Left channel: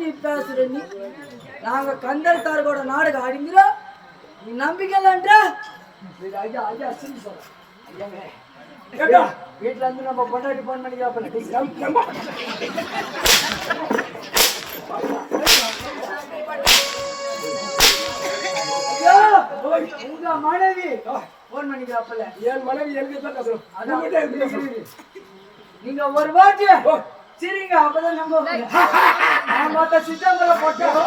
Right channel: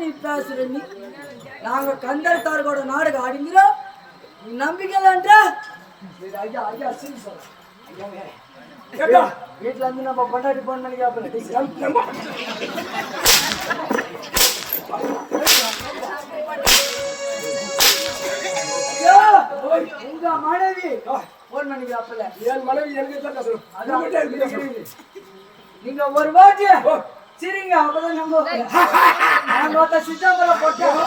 நீ பேசுற நீ நாங்க கந்தர் தார்கோட நாடகம் ஆடிங்கிறோம் நீ நம்பிக்கைலான்ற ஐயா ஐயா சரி சொல்ல வீட்டுல இருந்து நம்ம பொண்டாட்டி போன் பண்ணி உங்க மனைவி போன் பண்ணிக்கிறாப்பல என் மனைவி எனக்கு நீங்க ஒரு வாட்டி சரிங்க அப்பதான் நம்ம சித்தம்பரம் போட்டோம்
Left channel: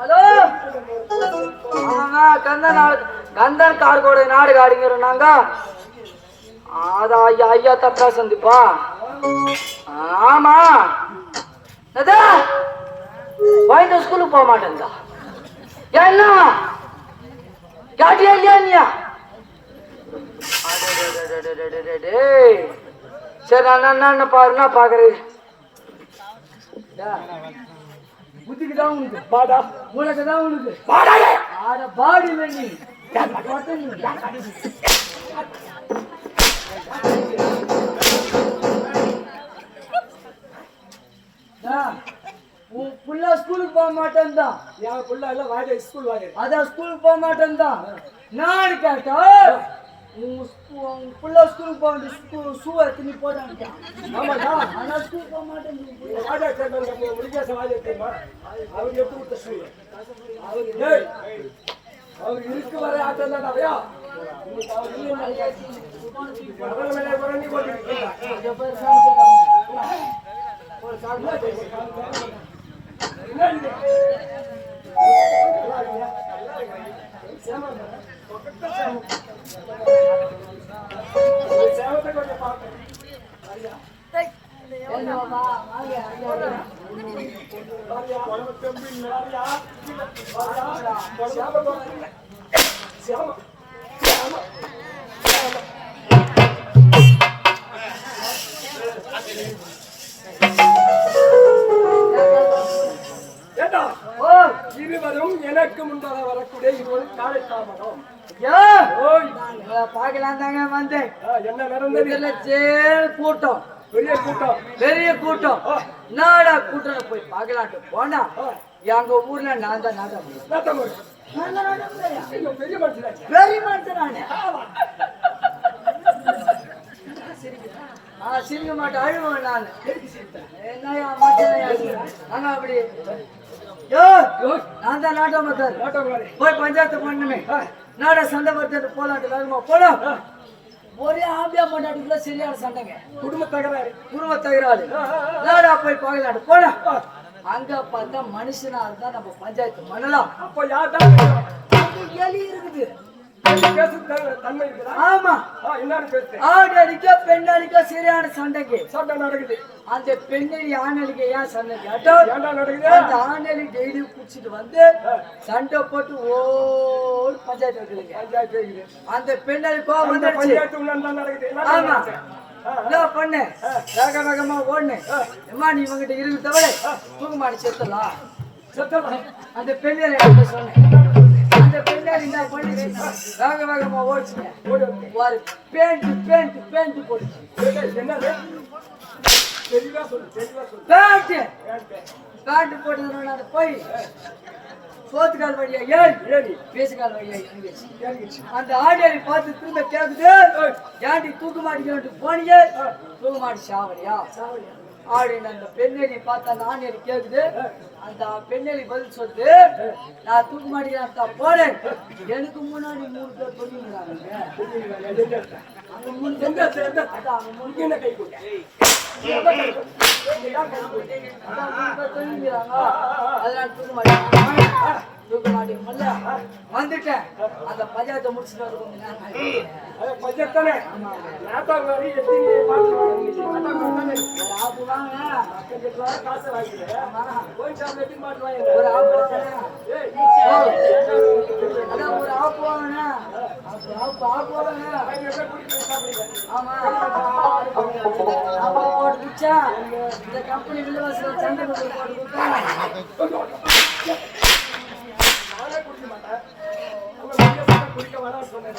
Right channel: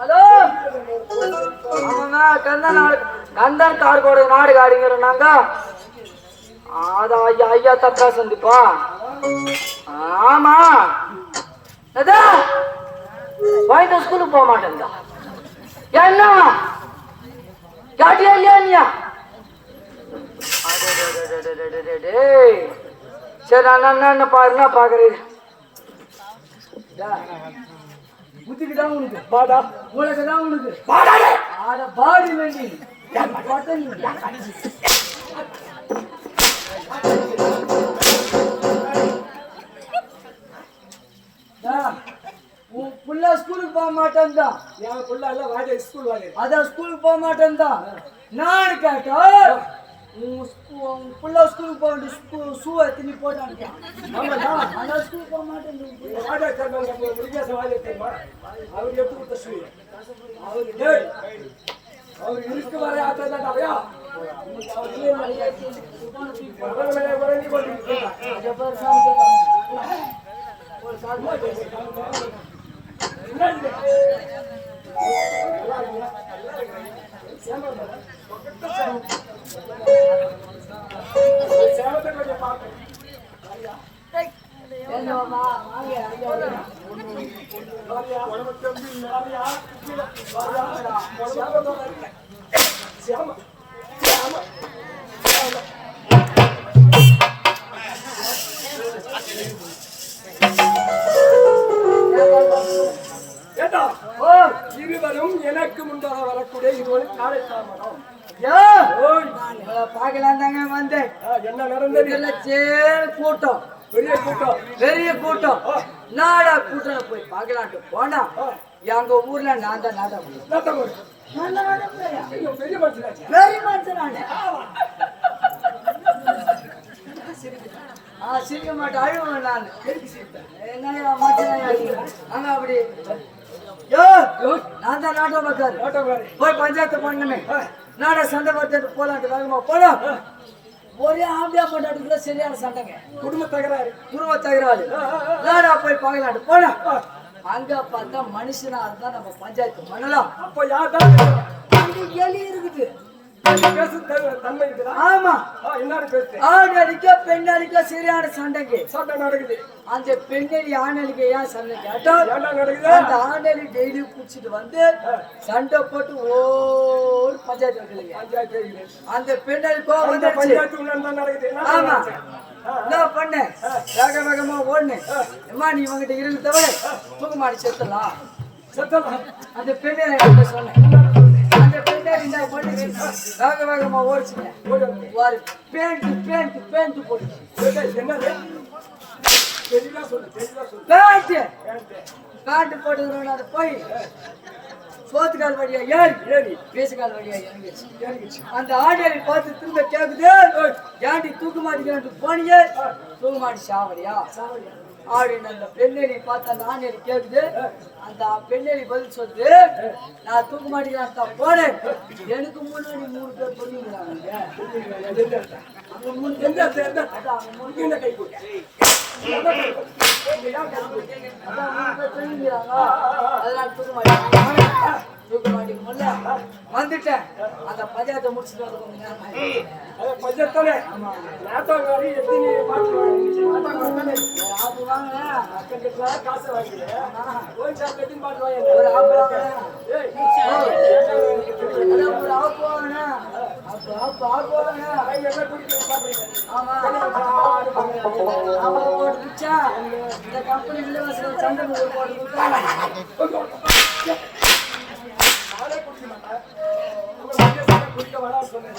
ஹலோ கந்தன் கார்கோட நாடு ஆடிங்கிறோம் அத ஐயா ஐயா தப்பா சந்திப்பா ஆமா வாய்ந்த ஸ்கூலுக்கு போக மாட்டேங்க என்ன காட்டியா இல்லையா சரி நான் என்ன பாருங்க பாக்குறேன் புத்திக்கு தான் உனக்கு பாடா உனக்கு தான் உனக்கு ஆட பாடி வேண்டி உன் புள்ள ஸ்கூலுக்கு போக மாட்டேன் தான் என் புள்ள எல்லாம் வாங்க ஸ்கூல் வாங்க அதான் ஸ்கூலுக்கு போக மாட்டேன் தான் நான் கேட்டா உன் புள்ள ஸ்கூலுக்கு போக வேண்டிய ஷூ எத்தனை போட்டாங்க ஆமாடா ஆனால் ஸ்கூலுக்கு போக மாட்டேன் முருகேசன் வாங்க தெரியுமா அவர் எடுத்து கொடுத்த ஷூ அவர் இருக்கு வர ஆட்டம் தான் அப்படியா இருவரும் எனக்கு முன்பாக வரக்கூடிய இருவரு காலை தாமரம் பாக்கலாம் தாங்க வந்தேன் என்ன நடந்தது கூட்டம் பெரிய கூட்டம் நாடா கூட்டம் போய் பாக்கலாட்டு போனா எங்க ஊர்ல நான் தான் நாட்டம் பெரிய மனுஷனானே சிரிக்க மாட்டேன் அழுவேன் நான் என்னையா ஆனா அப்படி நான் தான் நாட்டோக்காரு போய் பஞ்சாயத்து பண்ணுமே நாட சண்டை பார்த்துட்டு போலாட்டு வேகமா போலாம் ஒரே ஆம்பியா போட்டாட்டுக்குள்ள சரியான சண்டைங்க குடும்ப தகராறு நாடா போய் பார்க்கலாட்டு போலாம் அங்க பார்த்தா மனுஷனா இருந்தா நம்ம பஞ்சாயத்து பண்ணலாம் அப்ப யார்தான் கேள்வி இருக்குது ஆமா ஆண் அடிக்க பெண் அடிக்க சரியான சண்டை நடக்குது அந்த பெண்ணடி ஆணலிக்க ஏன் சண்டை கேட்டா அந்த ஆணலி டெய்லி குடிச்சிட்டு வந்து சண்டை போட்டு ஓடு பஞ்சாயத்து வைக்கலைங்க அந்த பெண்ணடி கோவம் ஆமா என்ன பண்ண வேகமா ஓடுனு அம்மா நீ இவங்கிட்ட இருந்து தவிர தூக்க மாடி செத்தலாம் அந்த பெண்ணை சொன்னேன் வேகமா ஓடிச்சுங்க ஒரு பேண்ட் போட்டு பேண்ட் போட்டு போய் சோத்துக்கால் வழியா ஏறி பேசுக்கால் வழியா இறங்கிச்சு அந்த ஆடியரை பார்த்து திரும்ப கேக்குது ஏன்டி தூக்கு மாட்டிக்க போனீங்க தூக்கு மாட்டி சாவடியா அப்படின்னு அந்த பெண்ணெறி பார்த்தா நானேறி கேக்குது அந்த பெண்ணெறி பதில் சொல்லுது நான் தூக்க மாட்டேன் போனேன் எனக்கு முன்னாடி 3 பேர் புரியுங்கிறாங்க அதெல்லாம் தூக்க மாட்டேன் தூக்க மாட்டேங்க வந்துட்டேன் அந்த பஞ்சாயத்தை முடிச்சுட்டு வந்து கொஞ்ச நேரம் பஞ்சாயத்தானே காசு வாங்கி இந்த கம்பெனி வில்லவாசில சண்டை போட்டு கொடுத்தா குடிக்க வேணாம் சொன்னேன்.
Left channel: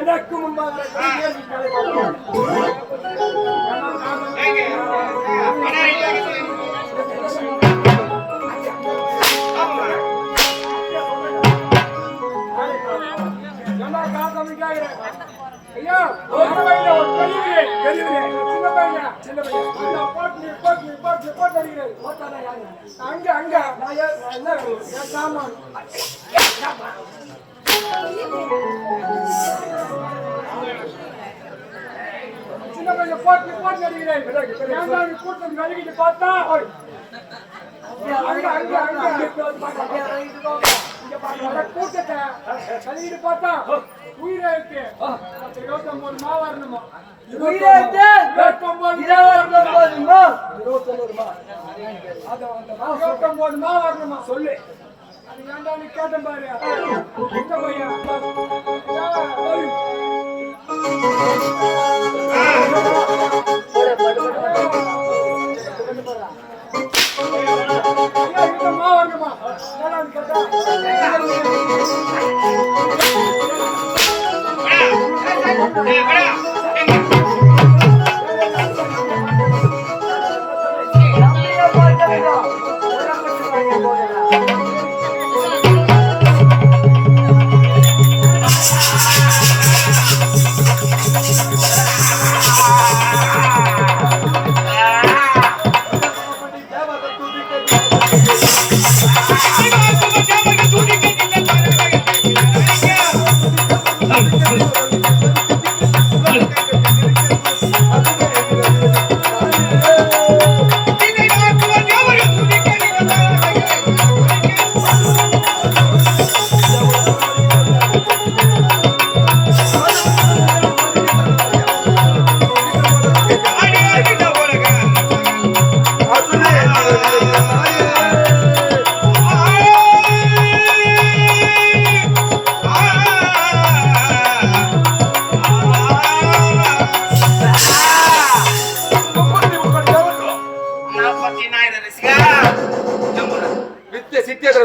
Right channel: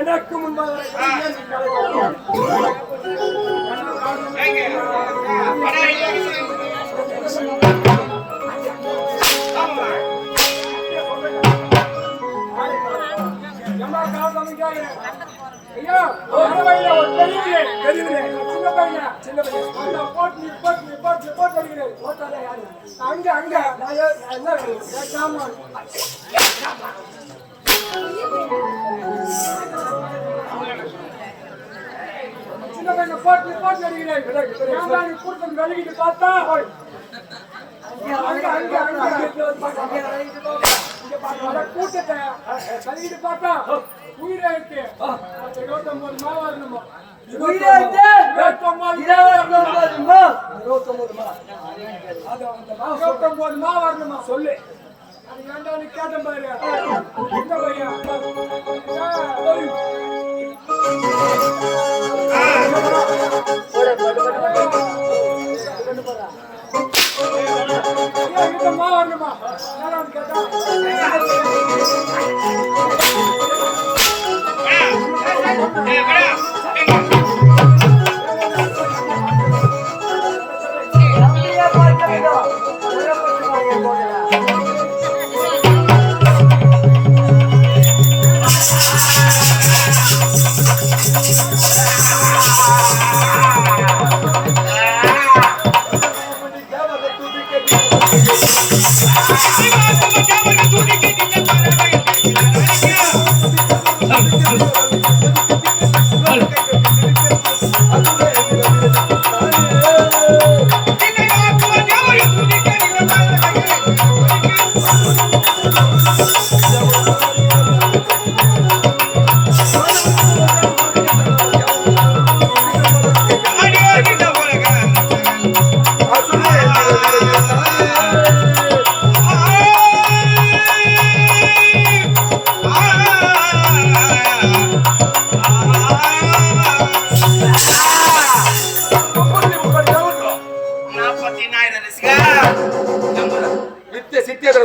எனக்கு முன்பாக சின்ன பையன் அங்க அங்க என்ன சின்ன பையன் போட்டு போட்டு அடிக்கிறேன் கூட்டம் வெளிக்கிட்டு பார்த்தா கூட்டத்தை கழுவிட்டு பார்த்தா உயிராயிட்டு 29 மா வரணுமா 29 மா வரணுமா சொல்லு அது ஏன்டா நீ கேட்டேன் பாரு இந்த பையன் மா வரணுமா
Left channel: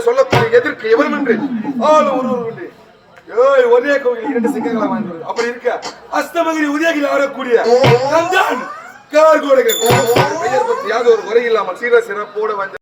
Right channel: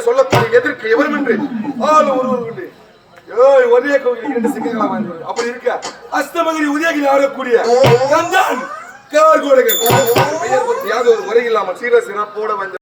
சொல்லக்கூடிய எதிர்க்கு எவரும் என்று ஒருவர் உண்டு. ஒரே கோவில் 2 சிங்கங்களா அப்படி இருக்க அஸ்தமகிரி உதயகிரி ஆடக்கூடிய கந்தான் கார்கோடைகள் பெயர் பற்றி யாவது ஒரு முறை இல்லாமல் சீர சிறப்போட வந்து